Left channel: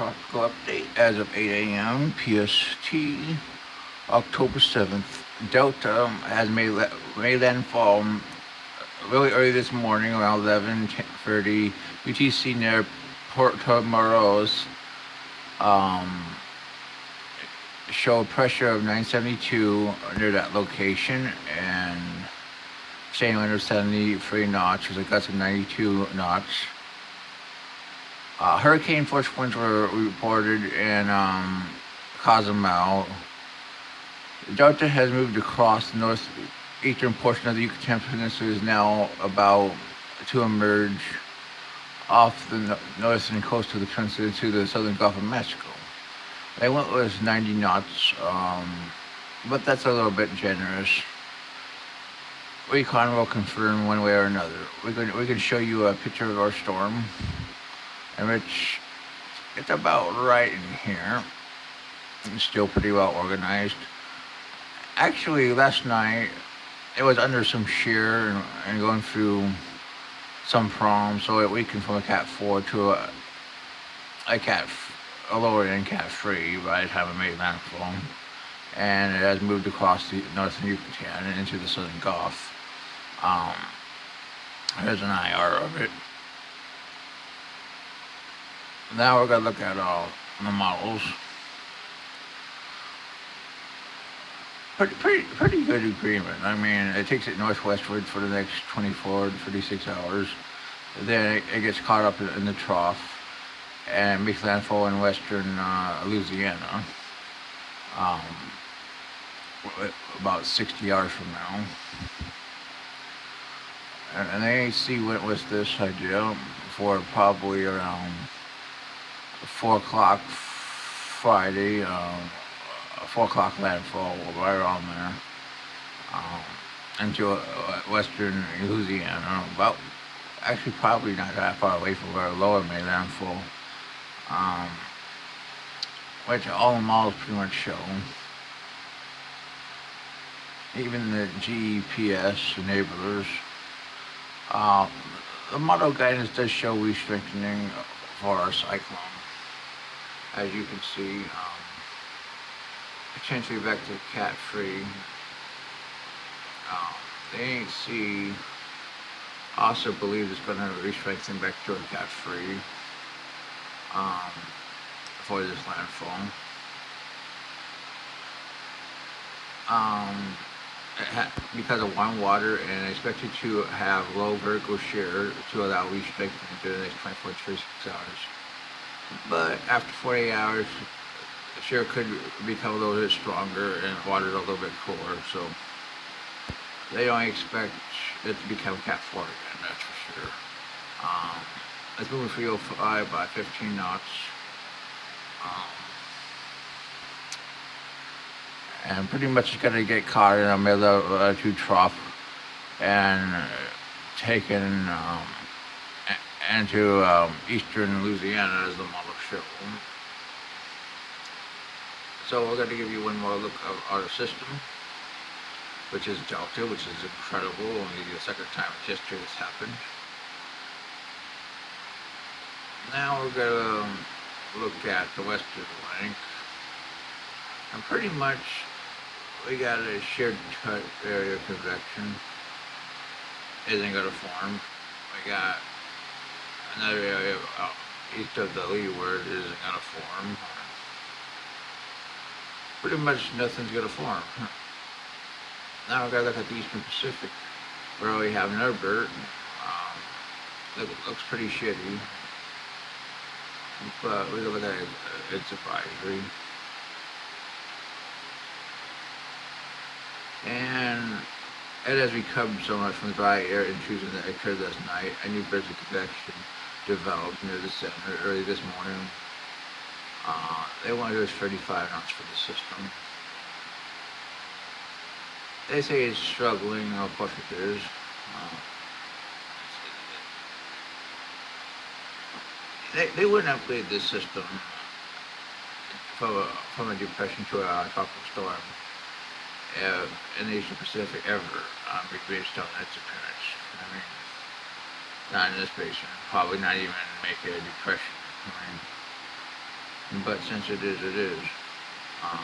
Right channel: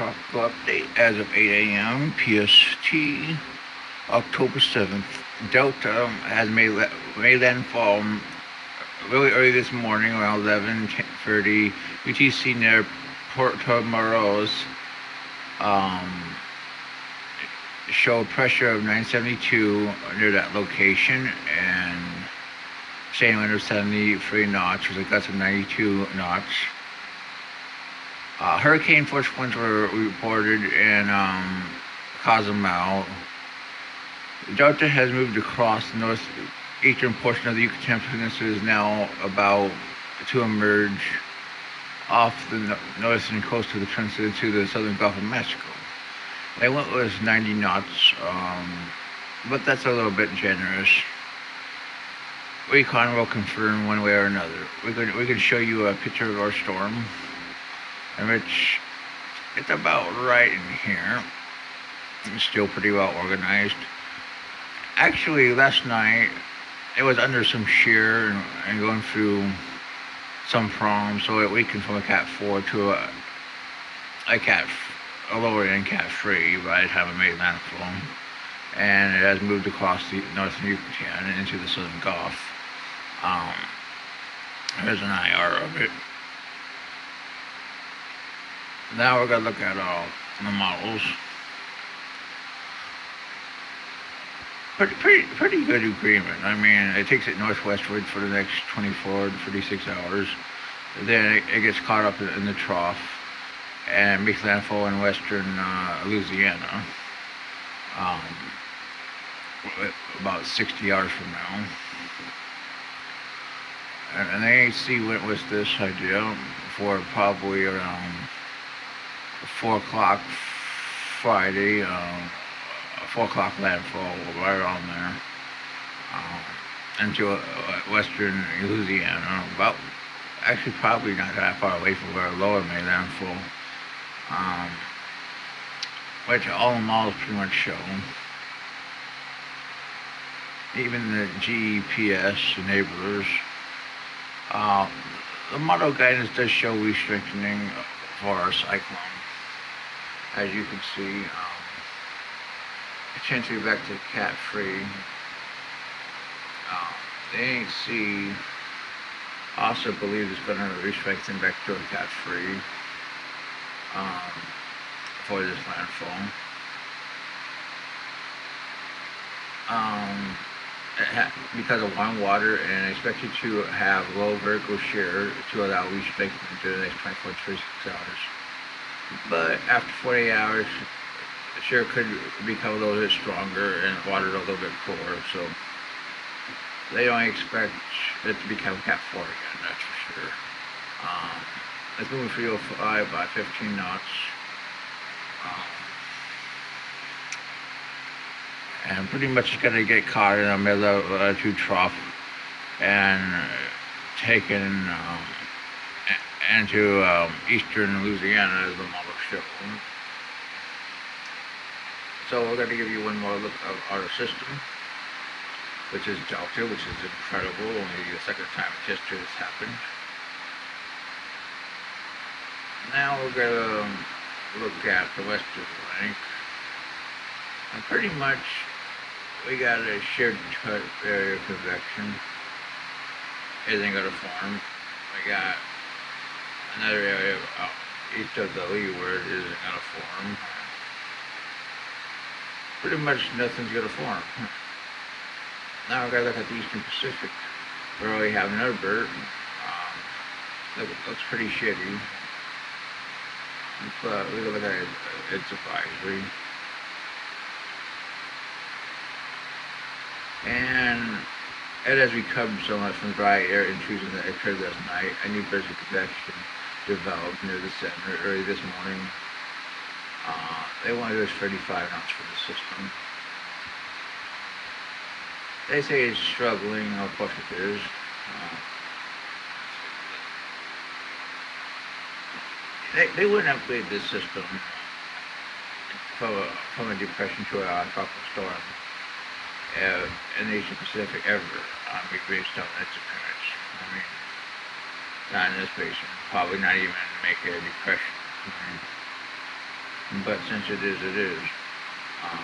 Tropical update as of 8 a.m. PST, October 7th. Delta has made landfall really early this morning, around 11:30 UTC near Puerto Moros. Um, Show pressure of 972 near that location, and staying wind of 73 knots, with a gust of 92 knots. Hurricane force winds were reported in Cozumel. Delta has moved across the northeastern portion of the Yucatan Peninsula, is now about to emerge off the northern coast of the peninsula into the southern Gulf of Mexico. They went with 90 knots, but that's a little bit generous. Recon will confirm one way or another. We can show you a picture of our storm, in which it's about right in here. It's still pretty well organized. Actually, last night it was under some shear and going through some problems, so it weakened from a Cat 4 to a lower end Cat 3 by the time it made landfall, and it has moved across the northern Yucatan and into the southern Gulf. Here's an IR of it. Now we're gonna look at all the models. Pretty good agreement. I mean, it takes it northwestward for the next 24 to 36 hours. Then it gets caught up in the trough and makes landfall in western Louisiana about 60 hours from now. And the AEC went with this idea for probably around 4 o'clock Friday, 4 o'clock landfall, right around there, into western Louisiana, about, actually probably not that far away from where lower made landfall, which all the models pretty much show. Even the GPS enablers. The model guidance does show re-strengthening for our cyclone. As you can see, potentially back to Cat 3. The ANC also believes it's going to re-strengthen back to a Cat 3 for this landfall. Because of warm water, and expected to have low vertical shear to allow re-strengthening during the next 24 to 36 hours. But after 48 hours, the shear could become a little bit stronger and water a little bit cooler, so they don't expect it to become Cat 4 again, that's for sure. It's moving 305 by 15 knots. And pretty much it's going to get caught in the middle of two trough and taken into eastern Louisiana, as the model shows. So we're going to give you one more look of our system, which is Delta, which is incredible. Only the second time in history this happened. Now we're going to look at the western flank. And pretty much we got a shared area of convection. Isn't going to form. We got another area east of the leeward isn't going to form. Pretty much nothing's going to form. Now we're going to look at the Eastern Pacific, where we have another bird. Looks pretty shitty. But we look at its advisory. And it has recovered so much from the dry air intrusion that occurred last night. A new burst of convection developed near the center early this morning. They want to go 35 knots for the system. They say it's struggling, of course it is. They wouldn't upgrade this system from a depression to a tropical storm in the Eastern Pacific ever based on its appearance. I mean, not in this basin, probably not even make it a depression. I mean, but since it is, it is. Um,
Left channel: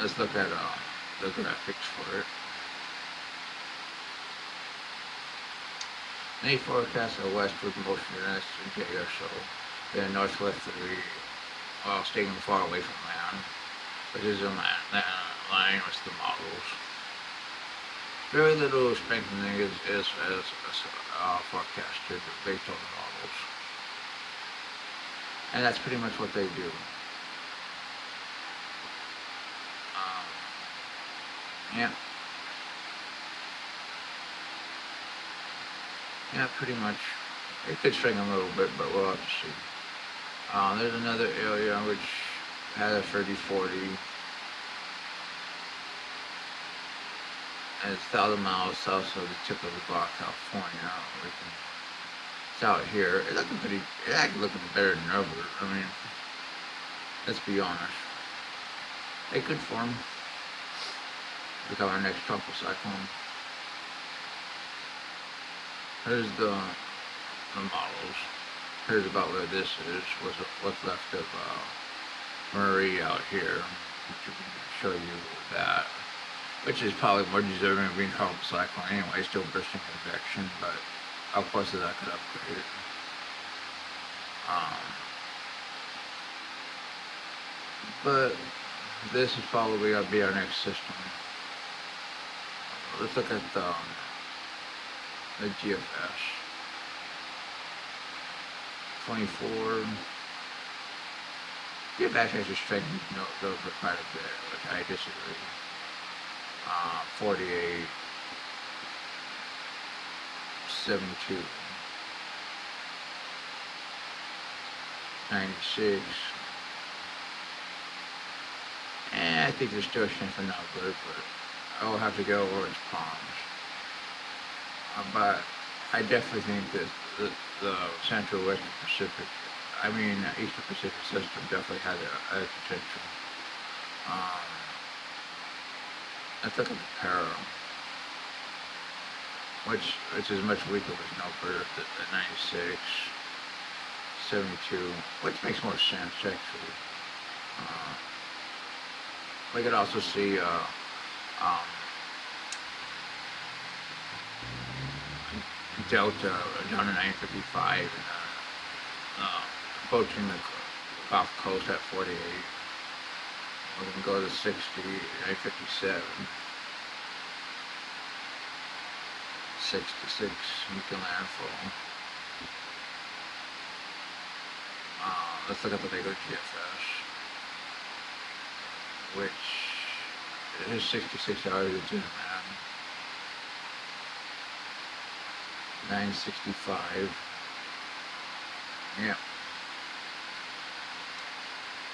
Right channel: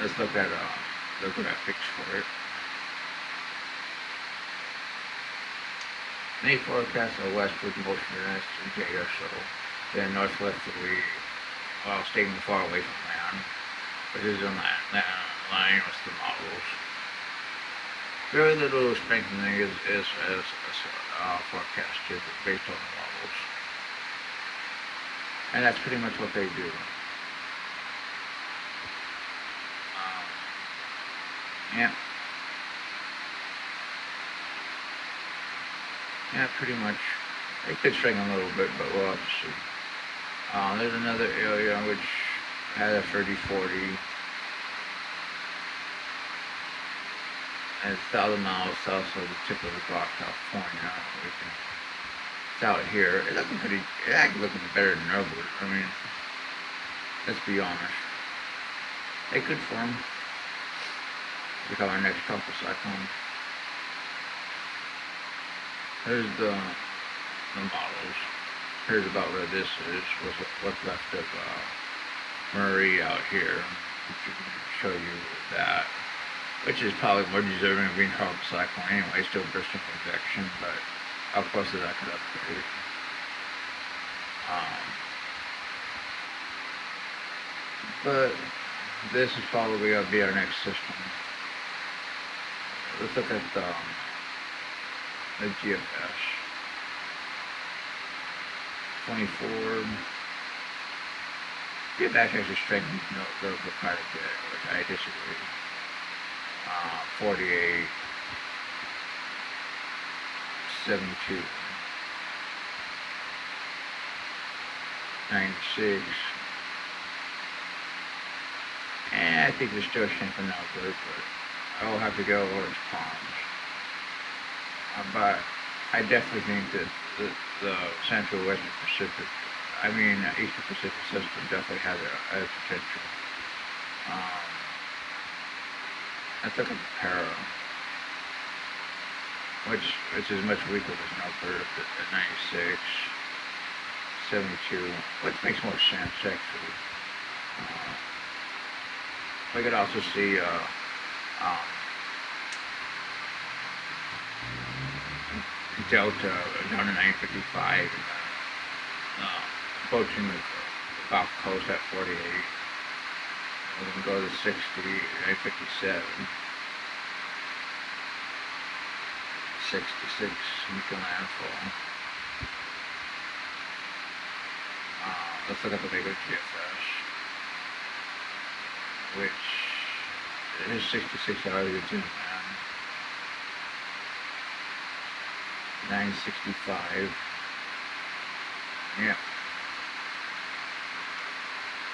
let's look at the graphics for it. May forecast a westward motion in the next day or so, then northwesterly while staying far away from land, which is in line with the models. Very little strengthening is forecasted based on the models. And that's pretty much what they do. Yeah. Yeah, pretty much. It could strengthen a little bit, but we'll have to see. There's another area which had a 30-40. And it's 1,000 miles south of the tip of the Baja, California. It's out here. It's actually looking better than Norbert. I mean, let's be honest. It could form. Become our next tropical cyclone. Here's the models. Here's about where this is, what's left of Murray out here. Show you that, which is probably more deserving of being tropical cyclone anyway, still bursting convection, but of course that could upgrade it. But this is probably going to be our next system. Let's look at the GFS. 24. GFS actually strengthens those quite a bit, which I disagree. 48. 72. 96. And I think they're still strength enough, but I'll have to go Orange Palms. But I definitely think that the Central Western Pacific, Eastern Pacific system definitely has a potential. Let's look at the Para, which is much weaker than Nelbert at 96, 72, which makes more sense actually. We could also see Delta down to 955, approaching the Gulf Coast at 48. We can go to 60, 957, 66, Nuclear landfall. Let's look at the bigger GFS, which is 66 hours of June, man. 965. Yeah.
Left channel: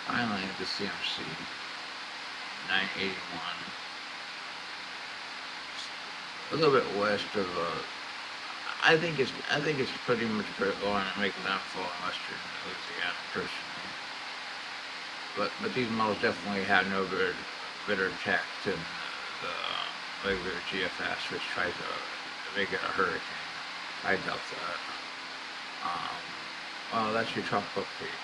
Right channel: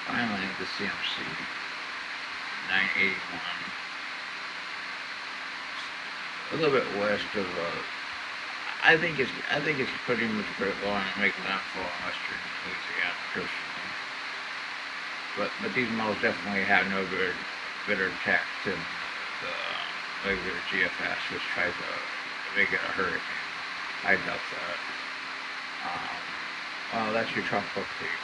Finally, the CMC. 981. A little bit west of. I think it's pretty much going to make landfall in western Louisiana, personally. But these models definitely have no better tax than the regular GFS, which tries to make it a hurricane. I doubt that. Well, that's your tropical update.